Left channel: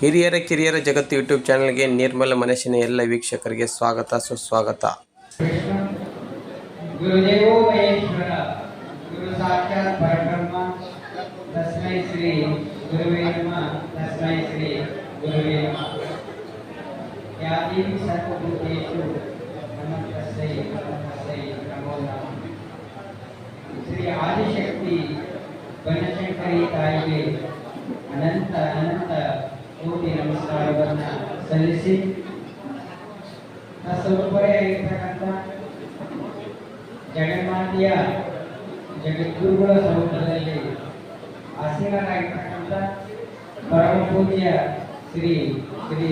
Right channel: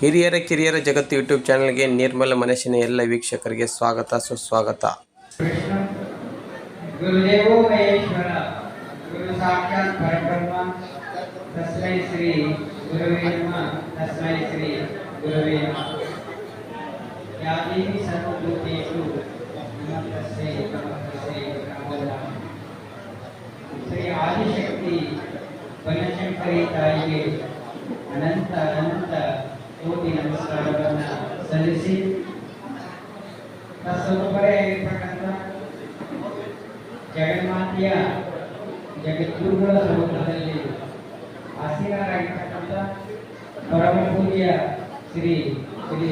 ಹಿರಿಯರ, ಕಿರಿಯರ ಜಗತ್ತು ಯೂಟ್ಯೂಬ್ ಚಾನಲ್ಗೆ ನಿರ್ಮಲ ಮನಸ್ಸಿನ ಎಲ್ಲ ವೀಕ್ಷಕರಿಗೆ ಸ್ವಾಗತ, ಸುಸ್ವಾಗತ. ಶ್ರೀ ಆದಿಶಕ್ತಿ, ಬನಶಂಕರಿ ತಾಯಿಗೆ ಅನಂತ ಅನಂತ ಸಲ್ಲಿಸಿ. ಸ್ವರೂಪರೇ ಇರ್ತಕ್ಕಂಥ ಜಗನ್ಮಾತೆಯ ಜಗದ್ಗುರುಗಳ ಸ್ವರೂಪದಲ್ಲಿ ಪರಮ ಪೂಜ್ಯ ಶ್ರೀ ಶ್ರೀ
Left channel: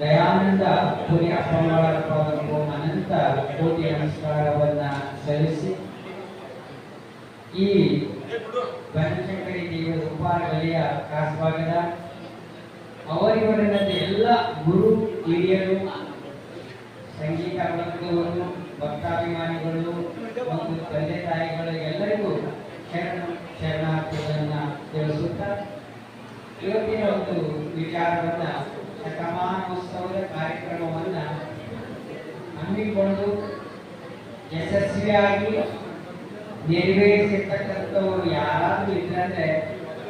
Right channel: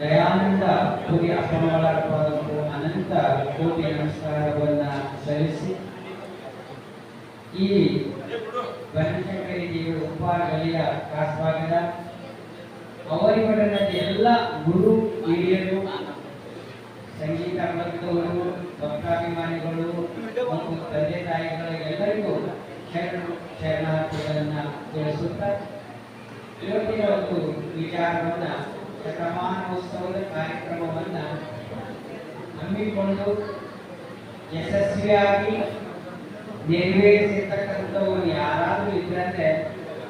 ದಯಾನಂದ ಪುರಿ ಅಪ್ಪನವರ ಪಾದಕ್ಕೂ ಅನಂತ ಕೋಟಿ ನಮಸ್ಕಾರವನ್ನು ಸಲ್ಲಿಸಿ ಈ ಬನಶಂಕರಿ ದೇವಿಯ ಗಲಿಯ ಕಾಸವಾಗದ ಅವರಿವರಲ್ಲದೆ ಎಲ್ಲ ಗುರು, ಹಿರಿಯರು, ಸಂಗೀತ ವರ್ಗದವರು ಭಕ್ತಾಭಿಮಾನಿಗಳು ಮತ್ತು ತಂದೆ ತಾಯಿಗಳು ಎಲ್ಲರಿಗೂ ಶರಣ, ಶರಣಾರ್ಥಿಗಳನ್ನು ತಿಳಿಸುತ್ತಾ ಇವತ್ತಿನ ಒಂದು ವಿಚಾರವನ್ನು, ಶತಮಾನೋತ್ಸವದ ಕಾರ್ಯಕ್ರಮವನ್ನ ಹಮ್ಮಿಕೊಂಡು ಯಶಸ್ವಿಯಾಗಿ ನೆರವೇರಿಸಿರ್ತಕ್ಕಂಥ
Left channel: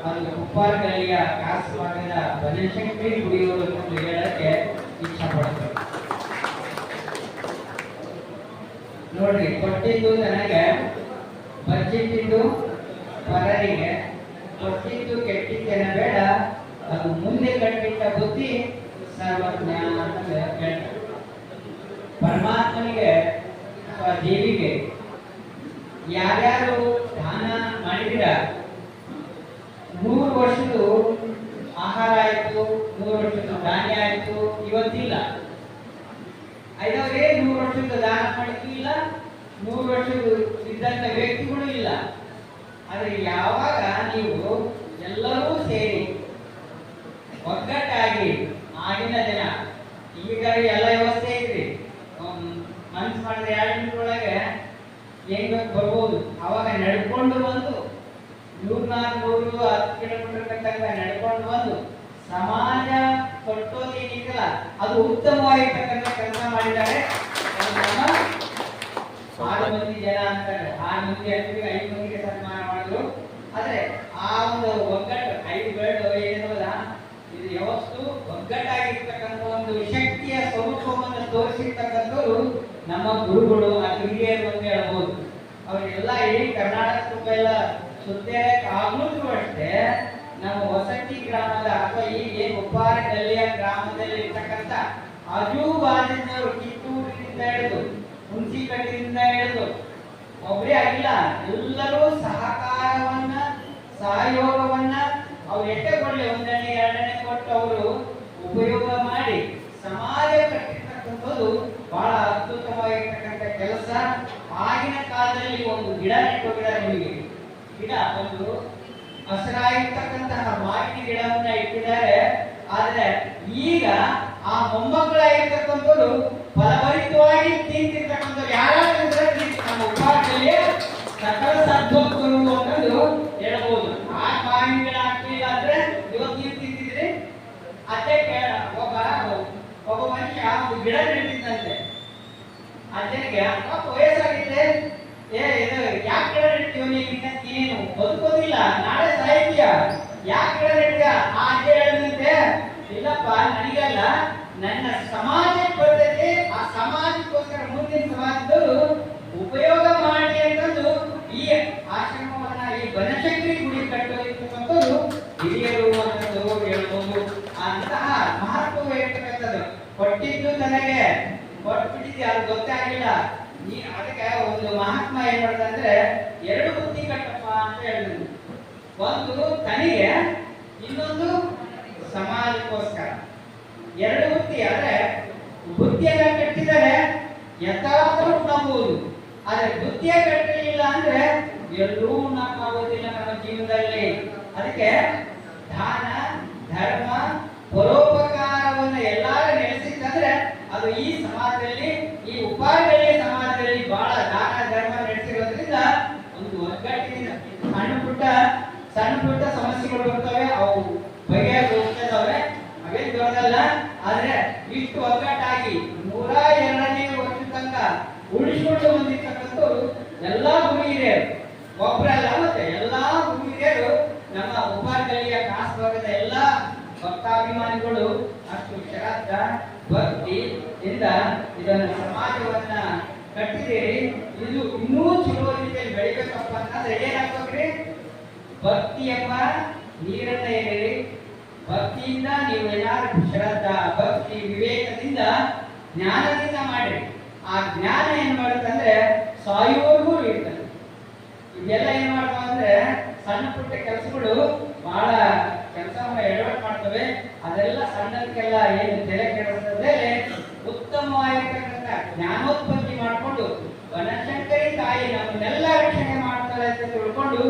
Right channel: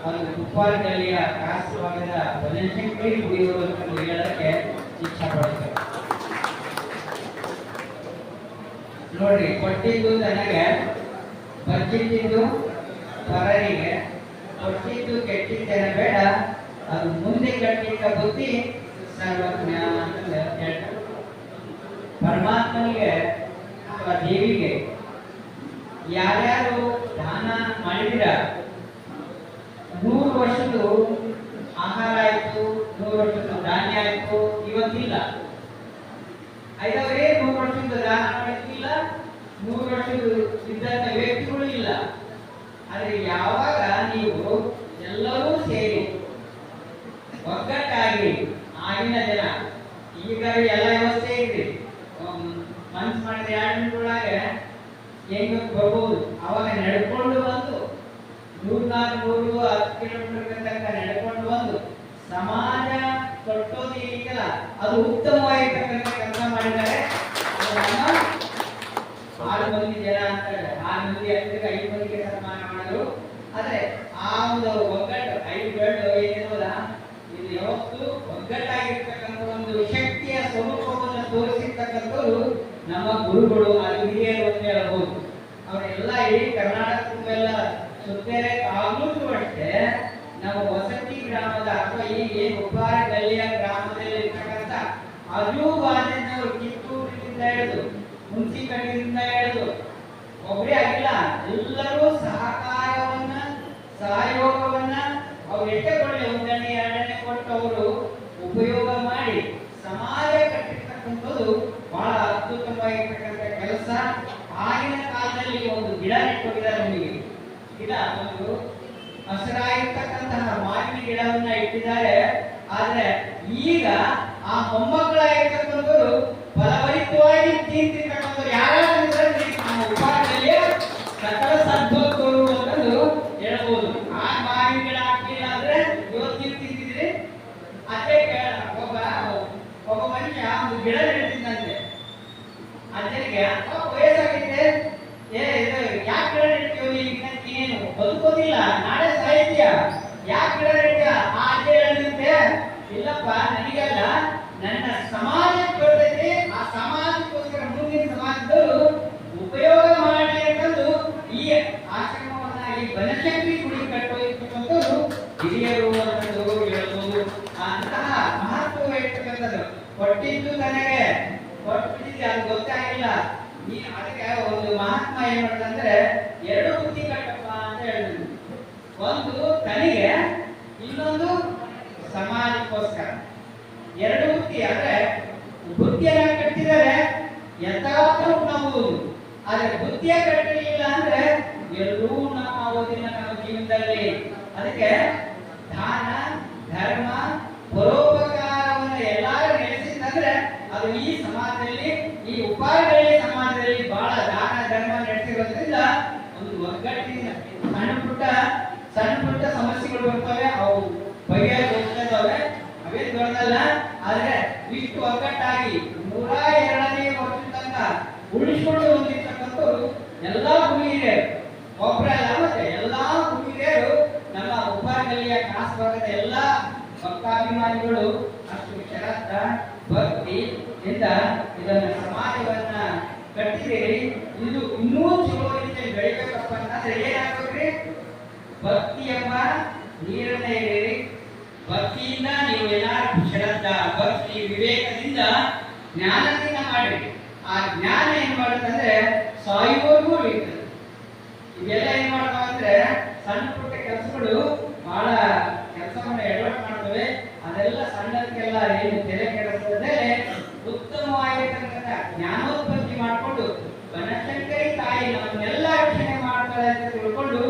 ಒಂದು ಕುಪ್ಪಾರಗಲ್ಲಿಯ ಕಾಸವಾಗದ ಬನಶಂಕರಿ ಗುಡಿಯವರು ಅಂತ ಹೇಳಕ್ಕೆ ಇಚ್ಛೆ ಪಡ್ತಾರೆ ನೋಡ್ರಿ, ಕೊಟ್ಟಿದ್ದು ನನಗೆ ಬಚ್ಚಿಟ್ಟಿದ್ದು ಪರರಿಗೆ, ಕೊಟ್ಟಿದ್ದು ಕೆಟ್ಟಿದ್ದೇನೆ ಬೇಡ, ಅದು ಮುಂದೆ ಕಟ್ಟಿಟ್ಟ ಬುದ್ಧಿ ಸರ್ವಜ್ಞಾನ ಅಂತ ಹೇಳ್ತಾರೆ ಪರಮಾತ್ಮನಿಗೆ ಅಥವಾ ದೇವಿಗೆ ಯಾರ್ಯಾರು ದಾನ ಮಾಡಿದ್ರ ನೂರು ವರ್ಷದ್ದು ಆಹಾರ ಆಯ್ತು, ನೂರು ವರ್ಷದ್ದು ಧಾನ್ಯ ಆಯ್ತು, ಇವತ್ತಿಲ್ಲ. ಐದವರೇ ನೂರು ವರ್ಷದ ದಾನ ಮಾಡಿಲ್ಲ ನೂರು ವರ್ಷದ ಇದ್ದಂತ ವ್ಯಕ್ತಿಗಳು ಇಲ್ಲ ಆದ್ರೆ ಯಾವಾಗ ನೀವು ಎಲ್ಲರೂ ಸೇರಿ ಒಗ್ಗಟ್ಟಾಗಿ ಆಗಿನ ಜನ ಈಗ ಎಲ್ಲ ವ್ಯವಸ್ಥೆ ಇದೆ ಮನ್ಸು ಮಾಡಿದ್ರೆ ಎರಡು ನಿಮಿಷದೊಳಗೆ ಹೆಂಗ ಬರ್ಬೋದು ಅವಾಗ ನಡ್ಕೊಂಡು ಬಂದು ನೂರು ನಾಲ್ಕು ನೂರು ಹತ್ತು ಕಿಲೋಮೀಟರ್ ತನಕ ನಡ್ಕೊಂಡು ಬಂದು ಸಮಾಜ ಕಟ್ಟೋದೇನಿಲ್ಲ ಅದು ಉತ್ತಮವಾಗಿರ್ತಕ್ಕಂಥ ಕೆಲಸ ಮಾಡಿದ್ದಾರೆ ಅದು ನಮ್ಮ ಆರು ಮಂದಿ ಜನ ಅಂತಾರೆ ಆರು ಮಂದಿ ಹತ್ತಿರ ಐದು ಮಂದಿಗೆ ಸನ್ಮಾನ ಮಾಡಿದ್ರು ಆದ್ರೆ ಆ ಒಂದು ಒಗ್ಗಟ್ಟು ಐದು ಗಂಡು ಏನಿರೋದ ಇದು ಯಾವತ್ತು ಒಗ್ಗಟ್ಟಾಗಿರ್ತಕ್ಕಂಥ ಒಂದು ಶಕ್ತಿಯ ಸ್ವರೂಪವನ್ನು ತೋರಿಸಿರ್ತಕ್ಕಂಥವ್ರು ನಮ್ಮ ಆ ಹಿರಿಯರು ಅಂತ ಹೇಳ್ಬೋದು. ಅವರೆಲ್ಲ ಇಡೀ ಕರ್ನಾಟಕ ತುಂಬೆಲ್ಲ ಸುತ್ತೇರೆ ಆಗ್ಲೂ ಅಷ್ಟೇ, ನಮ್ಮ ವಸತಿ ಗ್ರಾಮದ ಅಥವಾ ಈ ಏನು ಉಪ್ಪಾರ ಗಲ್ಲಿಯ ಗ್ರಾಮದಲ್ಲಿ ಇರ್ತಕ್ಕಂಥ ಅಜೂ ಬಾಜಿನವರು ಕಿತ್ತೂರಿನಿಂದ ಹಿಡಿದು ಹುಣಸಿಕಟ್ಟಿನಿಂದ ಹಿಡಿದು ಒಬ್ಬರೇ ಆಗಿಲ್ಲ, ಎಲ್ಲರೂ ಸಹಕಾರವನ್ನ, ಸಹಯೋಗವನ್ನ ಅವ್ರು ಎಷ್ಟೇ ಕೊಡಲಿ ಒಂದನೇ ಎರಡನೇ ಕೊಟ್ಟು ಅವರು ಉಪಯೋಗ ಮಾಡಿ, ಸಮಾಜ ಕಟ್ಟಿರ್ತಕ್ಕಂಥದ್ದು ಕೆಲಸ ಆಗಿನ ಕಾಲದಲ್ಲಿ ಒಂದು ಗಿಡ ನೆಟ್ಟೋಗಿದ್ದಾರೆ ನಿಮಗೆ. ಗಿಡ ಒಂದು ಹಸಿರಾಗಿರ್ತಕ್ಕಂತಹ ಮಾವಿನ ಗಿಡವನ್ನ ಇಟ್ಟಿದ್ದಾರೆ. ಆದ್ರೆ ಈಗ ಆ ಮೊಮ್ಮಕ್ಕಳಾಗಿರ್ತಕ್ಕಂಥವ್ರು ಫಲಭರಿತವಾಗಿ ತಿಂತಿರ್ತಕ್ಕಂಥವ್ರು ಯಾರ್ಯಾರು ಇದ್ರೆ ನಮ್ಮ ಉಪಾರದಲ್ಲಿ ಸಕಲ ಸದ್ವತ್ಗಳು ಅಂತಂದು ಹೇಳ್ಬೋದು ಆ ಮಾವಿನ ಗಿಡ ಹಾಕ್ಲಿಲ್ಲ ಅಂದ್ರೆ ಇವತ್ತು ನೀವು ತಿಂತಿದ್ರಿ ಅದೇ ಕೇಳ ಒಬ್ಬ ಒಬ್ಬ ಮನುಷ್ಯ ಒಂದು ಗಿಡ ನೆಟ್ಟಿದ್ದಂತೆ ಅಜ್ಜನಿಗೆ ಪಾಪ ವಯಸ್ಸಾಗಿದೆ ಏ ಇದು ಯಾಕೆ ಗಿಡ ನೆಡ್ತೀವಿ ನೀನು ನೀನು ಬದುಕೋದಿಲ್ಲ. ನಾಳೆ ಸಾಹಿತ್ಯ. ಯಾಕೆ ಗಿಡ ಆ ಹೇಳಿದಂತೆ. ಇಲ್ಲಪ್ಪ, ನನಗಲ್ಲ. ನನ್ನ ಸಮಾಜಕ್ಕೆ ಬರ್ತೈತಿ. ಆ ಸಮಾಜಕ್ಕೋಸ್ಕರ ಮುಂದಿನ ಸಮಾಜದವರು ಉಪಯೋಗ ಮಾಡಿ ಅಂತಂದು ಈ ಆಶ್ರಮವನ್ನ, ಈ ಬನಶಂಕರಿ ಗುಡಿ ಕಟ್ಟೋದಿರ್ತಕ್ಕಂಥದ್ದು ಹಿರಿಯರು ಅಂತಂದು ಹೇಳ್ಬೋದು. ಅಂತಹ ಮಹತ್ವ ಇರ್ತಕ್ಕಂಥದ್ದು. ಕೊಟ್ಟಿದ್ದು ನನಗೆ ಕೊಟ್ಬಿಟ್ಟಿದ್ದೆ ಅದು ಗೊತ್ತಾಗಿಲ್ಲ. ನೀ ಅದಕ್ಕೆ ಒಂದು ಮಹಾತ್ಮ ಏನ್ ಮಾಡ್ತಂದ್ರೆ ಎರಡು ಬುದ್ಧಿ ಕಟ್ಟಪ್ಪ ಒಂದು ತನಿಗೆ ಇನ್ನೊಂದು ಸಮಾಜಕ್ಕೋಸ್ಕರ. ಎರಡು ಬುದ್ಧಿ ಆದ್ರೆ ಬುದ್ಧಿಯನ್ನ ಕಟ್ಟಿದರೆ ಯಥಾರ್ಥವು ನಂಬುವುದು. ಆದ್ರೆ ಬುದ್ಧಿಯ ಕಟ್ಟಲಿಲ್ಲ ಅಂದ್ರೆ ಎಲ್ಲರೂ ನಂಬೋದಿಲ್ಲ ನಮ್ಮ ಜೀವನದಲ್ಲಿ. ಅದಕ್ಕೆ ದಾನ, ಧರ್ಮ, ಪರೋಪಕಾರವನ್ನು ಎಲ್ಲರೂ ನಡೆಸಿದ್ರೆ ಅದು ಈ ಒಗ್ಗಟ್ಟಾಗಿ ನೂರ ಎರಡನೇ ವರ್ಷ ತನಕ ಉಳಿಸಿಕೊಂಡು ಬಂದಿರ್ತಕ್ಕಂಥವ್ರು ಎಲ್ಲಾ ಭೂಮಿಯೇ ಒಬ್ಬರಲ್ಲ ಮತ್ತೆ ಎಲ್ಲಾ ಭೂಮಿಯರು ನಮ್ಮ ಉಪಾಧ್ಯಾಯ ಕಾಸು ಭಾಗದ ಎಲ್ಲಾ ಭಕ್ತಾಭಿಮಾನಿಗಳು ಅಷ್ಟು ಶರತ್ತ ಭಕ್ತಿ ಇಂದ ಇದನ್ನ ಸಮಾಜವನ್ನ ಕಟ್ಟಿದ್ದೀರಿ. ಇದು ಇನ್ನೂ ಚಲೋ ರೀತಿಯಲ್ಲಿ ಬೆಳಿಬೇಕಪ್ಪ ಅಂದ್ರೆ ಏನಾಗ್ಬೇಕ್ರಿ ಭಕ್ತಿಯಪ್ಪ ನೀರನ್ನ ಹೇಳಿ. ಭಕ್ತಿಯಿಂದ ನೀವು ಏನಾದ್ರು ಶ್ರದ್ಧೆ ಜ್ಞಾನದಿಂದ ಮಾಡಿ. ಆ ಜ್ಞಾನ ಏನ್ ಮಾಡುತ್ತಂದ್ರೆ ಸಾಯುವವರೆಗೂ ಇರ್ತದೆ. ಇವೆಲ್ಲ ಏನ್ ಮಾಡ್ತಾವ ಅಂದ್ರೆ ಸಣ್ಣ ಪುಟ್ಟ ಕೆಲಸಗಳು ಬಹಳ ಕೆಲಸವನ್ನ ಎಡವಟ್ ಮಾಡ್ತವೆ. ಅದೆಲ್ಲ ಸಣ್ಣದಕ್ಕೆಲ್ಲ ಏನು ತಲೆ ಕೆಡಿಸದೆ ಉತ್ತಮವಾಗಿರ್ತಕ್ಕಂಥ ಜ್ಞಾನೋತ್ಪತ್ತಿ ಮಾಡಿಕೊಂಡು ಬನಶಂಕರಿ ತಾಯಿ ನಮ್ಮನ್ನೆಲ್ಲ ರಕ್ಷಣೆ ಮಾಡ್ತಾಳೆ ಅಂತ ತಿಳ್ಕೊಂಡು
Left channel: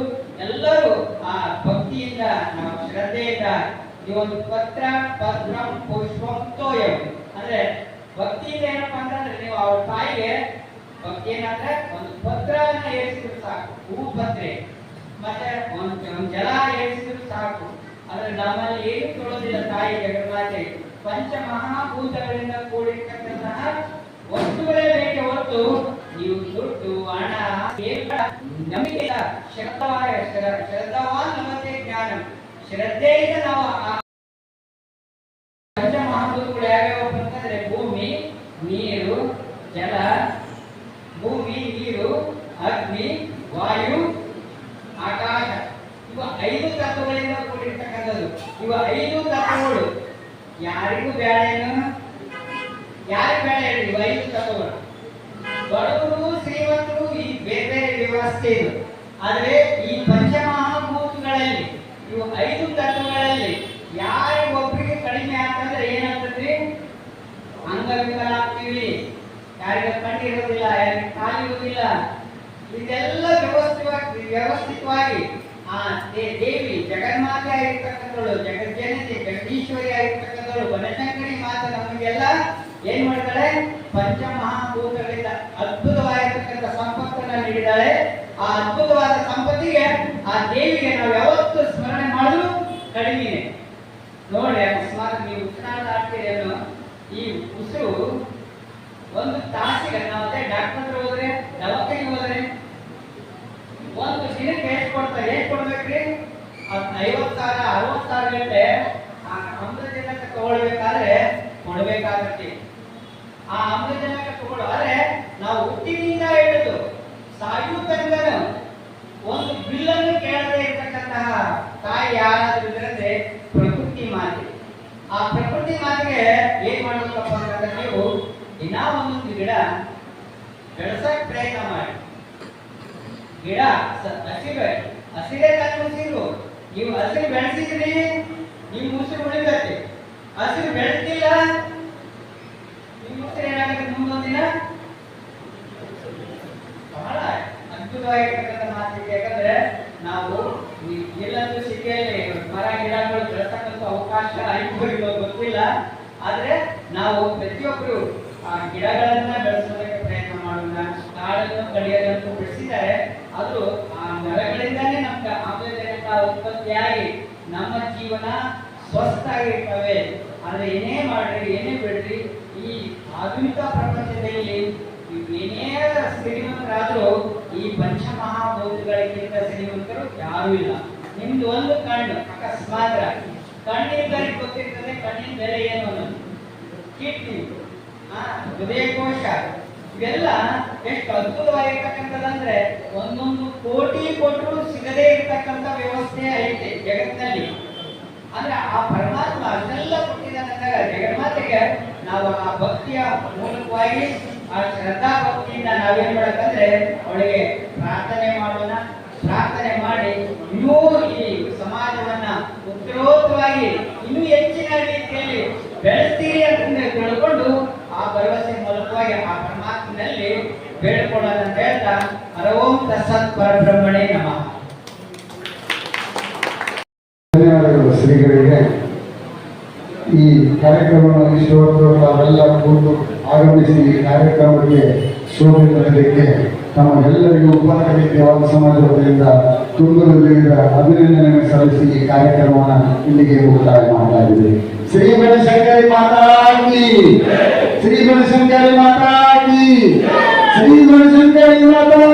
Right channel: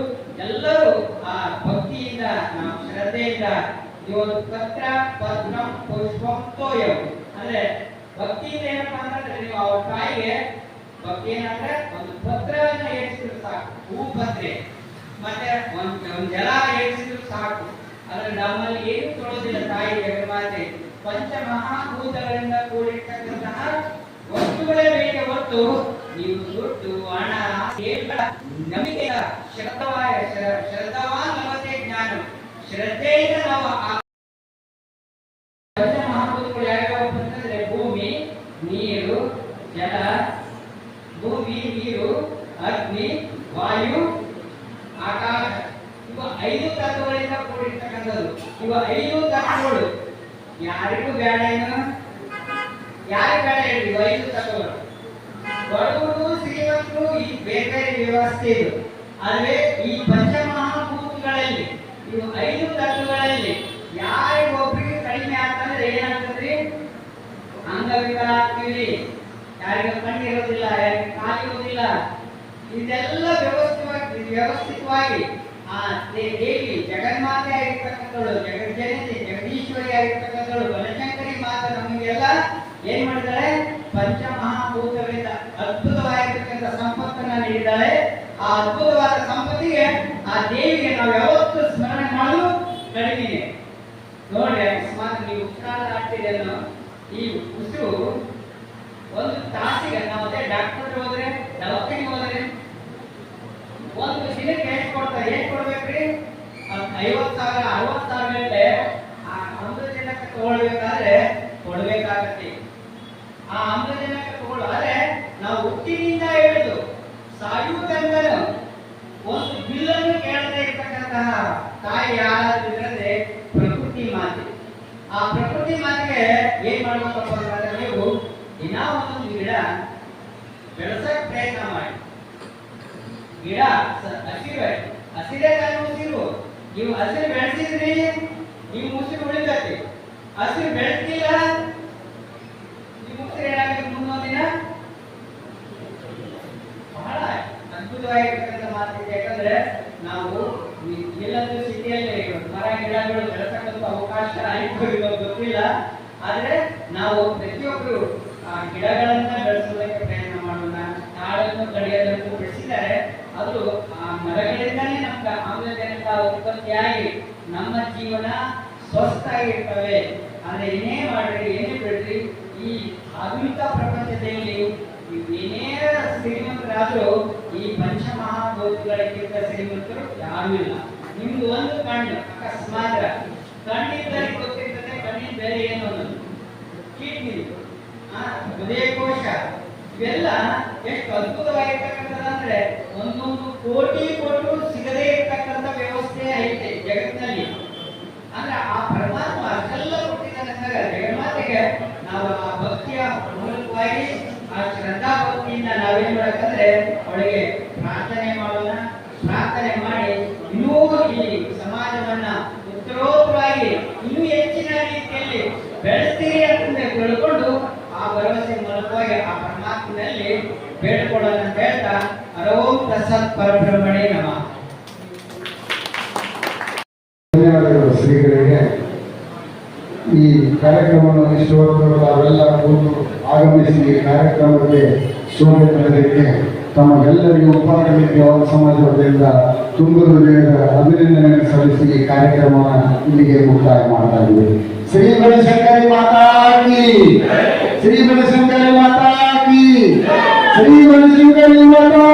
ಎಲ್ಲರೂ ಆ ಭಕ್ತಿಯಿಂದ ನಾವು ಶ್ರದ್ಧೆಯಿಂದ ಈ ಒಂದು ಪತ್ರ ಪತ್ರಂ ಪುಷ್ಪಂ ತೋಯಂ ಅಂದ್ರೆ ಭಕ್ತಿಯಿಂದ ಏನಪ್ಪಾ ಅಂತಂದ್ರೆ ನೀವು ಅವ್ರ ತಾಯಿಗೆ ಏನಂದ್ರೆ ಒಂದು ಪತ್ರವನ್ನ ಏರಿಸಿದ್ರು ಸಾಕು ಹೂ ಪತ್ರೆ ಮತ್ತೆ ಒಂದ್ ಒಂದ್ ಜಲ ಏರಿಸಿದ್ರು ಸಾಕು. ಅಂದ್ರೆ ನಮ್ಮಲ್ಲಿ ಏನು ತೊಳೋದಿಲ್ಲ ತಾಯಿ ಜಗನ್ಮಾತೆ ಪಂಚ ಮಹಾಭೂತಗಳಿಂದ ಕೂಡಿರ್ತಕ್ಕಂತಹ ವಸ್ತುಗಳೇ ಬೇಕೆ ಹೊತ್ತು ನೀವು ದುಡ್ಡು ಹಣ ನಂಬಿಕೆ ಶ್ರದ್ಧವಾಯ ಶ್ರದ್ಧವಾನ್ ನಮತೆ ಜ್ಞಾನ. ಶ್ರದ್ಧೆಯಿಂದ ನಾವು ಆ ಪಂಚ ಮಹಾಭೂತಗಳು ಯಾವ್ಯಾವ ಅಂತಂದ್ರೆ ಭೂಮಿ ನೀರು ಜಲ ಭೂಮಿ ನೀರು ಅಗ್ನಿ ವಾಯು ಆಕಾಶ ಇವ ಐದು ತತ್ವಗಳಿಂದ ಕೂಡಿರ್ತಕ್ಕಂಥದ್ದು ಇವ ಐದು ತತ್ವಗಳು ಯಾರಿಗೂ ಬೇಡ ಏನು ಯಾರಿಗೂ ಬೇಡ ಹೇಳಿ ಇವ ಐದು ತತ್ವಗಳು ಬಡವರು ಶ್ರೀಮಂತರು ಈ ಬೇರೆ ವ್ಯವಸ್ಥೆ ಇದು. ಆದ್ರೆ ಈ ಪಂಚಮಹಾಭೂತಗಳಲ್ಲಿ, ಇವು ಐದು ತತ್ವಗಳಲ್ಲಿ ಯಾರಿಗೊಬ್ಬರಿಗೆ ಕಡಿಮೆ ಆಗ್ತಂದ್ರೆ ಏನಾಗ್ತದ್ರಿ ಅಂಗವಿಕಲ ಆಗ್ತೀವಿ ಯಾರಿಗೂ ಕಣ್ಣು ಇರೋದಿಲ್ಲ ಯಾರಿಗೆ ಕಾಲು ಇರೋದಿಲ್ಲ ಇದೆಲ್ಲ ವ್ಯವಸ್ಥಿತವಾಗಿ ವ್ಯವಸ್ಥಿತವಾಗಿ ಆ ದೇವಿ ಜಗನ್ಮಾತೆ ಆಗಿರ್ತಕ್ಕಂಥವಳು, ಜಗಜ್ಜನತೆ, ಜಗದೀಶ್ವರಿ ಆಗಿರ್ತಕ್ಕಂಥವಳು ಬನಶಂಕರಿ ಮಾತೆ ನಮಗೆಲ್ಲ ಏನ್ ಮಾಡ್ತಾಳೆ ಪಂಚಮಹಾಭೂತಗಳಿಂದ ಅದ್ಭುತ ಅದ್ಭುತವಾದ ಸಂಪತ್ತಿಗೆ ಆ ದೇವಿಗೆ ನಾವು ಯಾವತ್ತೂ ಸ್ಮರಣೆ ಮಾಡಲು ಕಡಿಮೆ ನೋಡ್ರಿ ಅಕಸ್ಮಾತ್ ನೀವು ಉಸಿರಾಟ ಈ ಉಸಿರು ಒಂದು ತಾಸಿಗೆ ನಾವು ಅದೇ ಡಾಕ್ಟರ್ ಹೋದ್ರೆ, ದವಾಖಾನೆಗೆ ಹೋದ್ರೆ ಒಂದು ದಿನಕ್ಕೆ ಎಷ್ಟು ಕೊಡ್ತಾರೆ ಎಷ್ಟು ಕೊಡ್ಬೇಕ್ರಿ? ಐವತ್ತಾರ ಐವತ್ತು ಸಾವಿರ ಅರವತ್ತು ಗಂಟೆ ಆ ಅಮೃತಜನಕ ತಗೊಳ್ಬೇಕಾದ್ರೆ ಕೊಡ್ಬೇಕಾಗತ್ತೆ. ಆ ಅಮೃತಜನಕ ತಗೊಳ್ಳೋದ್ರೆ ನಾವು ಹುಟ್ಟಿನಿಂದ ಹಿಡಿದು ಸಾಯು ತನಕ ಒಂದು ಬಿಲ್ಲನ್ನು ಕೇಳದೆ ಇರ್ತಕ್ಕಂತಹ ತಾಯಿ ಯಾರಾದ್ರೂ ಪ್ರಕೃತಿ ಮಾತೆ. ಆ ಪ್ರಕೃತಿ ಮಾತೆಗೆ ಏನ್ ಮಾಡ್ಬೇಕಪ್ಪ ಅಂತಂದ್ರೆ ನೀವು ದಿನ ಒಂದೊಂದು ಗಿಡ ಬೆಳೆಸಕ್ ಪ್ರಯತ್ನ ಮಾಡಿ. ಗಿಡ ಹಸಿರು ಹಸಿರೇ ಕಾಲ ಉಸಿರು. ನೀವು ಹಸಿರು ಬೆಳೆಸಿದ್ರಿ, ನಿಮ್ಮ ಉಸಿರು ಉಳಿದೈತಿ ಹಸಿರು ಬೆಳೆಸಿಲ್ಲ ನಿಮ್ಮ ಉಸಿರು ಏನಾಗುತ್ತೆ ಮುಂದೊಂದು ದಿನ ಬಹಳ ಅದ್ಭುತವಾಗಿರ್ತಕ್ಕಂಥ ಮಾತಿದೆ. ಯಾಕಂದ್ರೆ ನಾವು ಈ ಎಲ್ಲದೂ ಸಿಟಿಯಲ್ಲಿ ಮರ, ಗಿಡಗಳು ಬೆಳೆಸಕ್ಕಂತ ಅವಕಾಶ ಆಯ್ತು ಗೊತ್ತಿಲ್ಲ. ಆದ್ರೆ ನಾವು ಪ್ರತಿಯೊಬ್ಬರು ಆ, ಗಿಡಗಳನ್ನ ಬೆಳೆಸೋದಕ್ಕೆ ಪ್ರಯತ್ನ ಮಾಡೋಣ. ಕಾಡನ್ನು ಕಡಿಯೋದಕ್ಕೂ ಬೆಳೆಸಿದ್ದಾರೆ. ಅದು, ಆ, ಮರಗಳಿಂದಾನೇ ನಮ್ಗೆ ಆಮ್ಲಜನಕ ಉತ್ಪತ್ತಿಯಾಗಿ ನಮ್ಮ ಜೀವನ ಸ್ವಸ್ಥಾಗಿರ್ತವೆ ಆದ್ರೆ ಏನೇ ಮಾಡ್ರಿ, ಏನೇ ಬಿಡ್ರಿ, ಈ ಆಧುನಿಕ ಪ್ರಪಂಚದಲ್ಲಿ ಏನೇ ಶ್ರೀಮಂತರಾದ್ರೂ ಯಾರೂ ಇಲ್ಲ. ನಿಮ್ದು ಒಂದು ಕಣ್ಣು, ಅಕಸ್ಮಾತ್ ಕಣ್ಣಿದ್ದರೆ ಗೊತ್ತಿರ್ತದೆ, ಕಣ್ಣಿನ ಬೇರೆ ಏನು ಅನ್ನೋದು. ಕಿಡ್ನಿ ಹೃದಯಕೋಶ ಇವೆಲ್ಲ ಎಷ್ಟು ಅದ್ಭುತವಾಗಿರ್ತಕ್ಕಂಥದ್ದಂದ್ರೆ ಒಂದೊಂದು ಕೋಟಿ ಕೊಟ್ಟು ಸಿಗದೇ ಇರತಕ್ಕಂಥ ವ್ಯವಸ್ಥೆ ಐತೆ ಜಗತ್ತಿನಲ್ಲಿ. ಅಂದ್ರೆ ಆ ಪರಮಾತ್ಮ ಅದೆಲ್ಲ ಕೊಟ್ಟಿದ್ದಾನಂದ್ರೆ ಜಗನ್ಮಾತೆಗೆ ನಾವು ಆ ಭಕ್ತಿಯ ಮೂಲಕವಾಗಿ, ಆ ಶ್ರದ್ಧಾ ಭಕ್ತಿಯಿಂದ ನಾವೇನ್ ಮಾಡಬೇಕಂದ್ರೆ ಅವಳಿಗೆ ಪ್ರಾರ್ಥನೆ ಮಾಡೋಣ, ಪ್ರಾರ್ಥನೆ ಮಾಡಿ ಇನ್ನೂ ಈ ಸಮಾಜವನ್ನ ಉತ್ತರೋತ್ತರವಾಗಿ ಇನ್ನೂ ಹೆಚ್ಚಿನ ರೀತಿಯಲ್ಲಿ ಬೆಳೆಸ್ತೀರಿ ಅಂತ ತಿಳ್ಕೊಂಡು ಆ ಭರವಸೆ ಮೂಲಕವಾಗಿ ಆ ಪರಮಾತ್ಮನಲ್ಲಿ ಬೇಡ್ಕೊಳ್ಳೋಣ ಅಂತ ಹೇಳ್ತಾ ಹರವೋಂ ಪ್ರಸಾದ್ ಪರಬ್ರಹ್ಮಣೇ ನಮಃ. ಧನ್ಯವಾದಗಳು ಶ್ರೀಗಳಿಗೆ. ಈ ಕಾರ್ಯಕ್ರಮವನ್ನು ಇಷ್ಟು ತಾವೆಲ್ಲ ಕೂತು ಆಗಮಿಸಿ ಈ ಕಾರ್ಯಕ್ರಮಕ್ಕೆ ಶೋಭೆ ತರಲಿಕ್ಕೆ ತಮ್ಮೆಲ್ಲರಿಗೂ ಉಪಕಾರವಾದ ಸಮಾಜದಿಂದ ತುಂಬ ಹೃದಯದ ಅಭಿನಂದನೆ ಸಲ್ಲಿಸಿ ಈ ಕಾರ್ಯಕ್ರಮವನ್ನು ಇಲ್ಲಿಗೆ ಮುಕ್ತಾಯ ಮಾಡ್ತಾ ಇದ್ದೀವಿ. ಶ್ರೀ ಬನಶಂಕರಿ ಮಾತಾಕಿ ಶ್ರೀ ಬನಶಂಕರಿ ಮಾತಾಡಿ ಶ್ರೀ ಬನಶಂಕರಿ ಮಾತಾ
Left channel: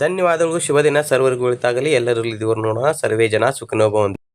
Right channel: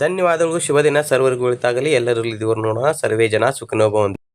ಧನ್ಯವಾದಗಳು. ಶುಭ ದಿನ ಸರ್ವರಿಗೂ ಒಳಿತಾಗಲಿ ಎಲ್ಲರಲ್ಲಿ ನೋಡೋಣ. ಸರ್ವೇ ಜನ ಸುಖನೋಭವಂತು